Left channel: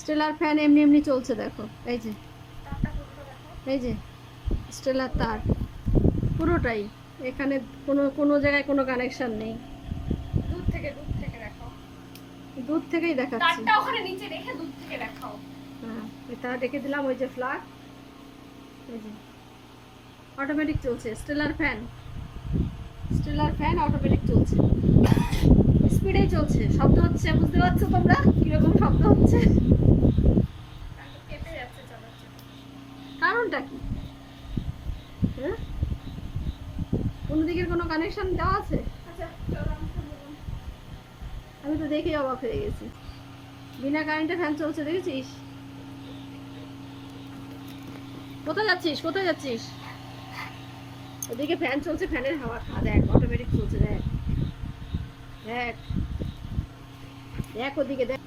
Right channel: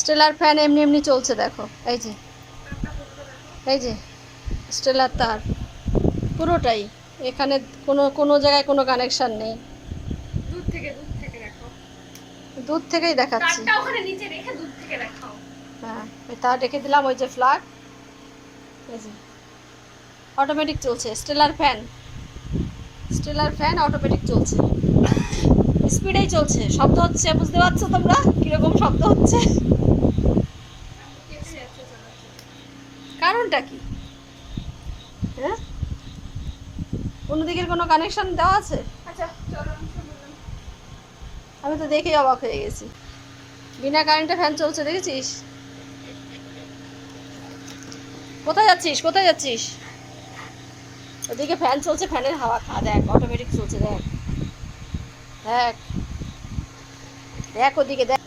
Stellar fan এমনি এমনি চলছে দেখো, এই যে এই যে স্টেলার তার পুরোটাই, এখানে কোনো কোনো জায়গায় কোনো কানেকশন নেই। দূর থেকেই দেখাচ্ছি। হ্যাঁ, ওই তার রেখে দিলাম, ওই যে ফ্ল্যাগ, এই যে অটোমেটিক চলছে stellar fan. Stellar fan automatic চলছে, স্পিডেই চলছে। শব্দ হচ্ছে, বুঝতে পারছো তোমরা কিরকম শব্দ হচ্ছে? কারণটা কি? হ্যাঁ, কোনো দিকের কোনো কানেকশন দেওয়া আছে? আমি তো দেখেই অবাক হয়ে গেছি, বিনা কারেন্টে ফ্যান চলছে, দেখেছিস? কোথায় যাচ্ছিস, কোথায় যাচ্ছিস? ওদিকে ফ্যান চলছে, ফ্যানের হাওয়া খা, দেখ অটোমেটিক চলছে, দেখ দেখ দেখ ওদিকে দেখ।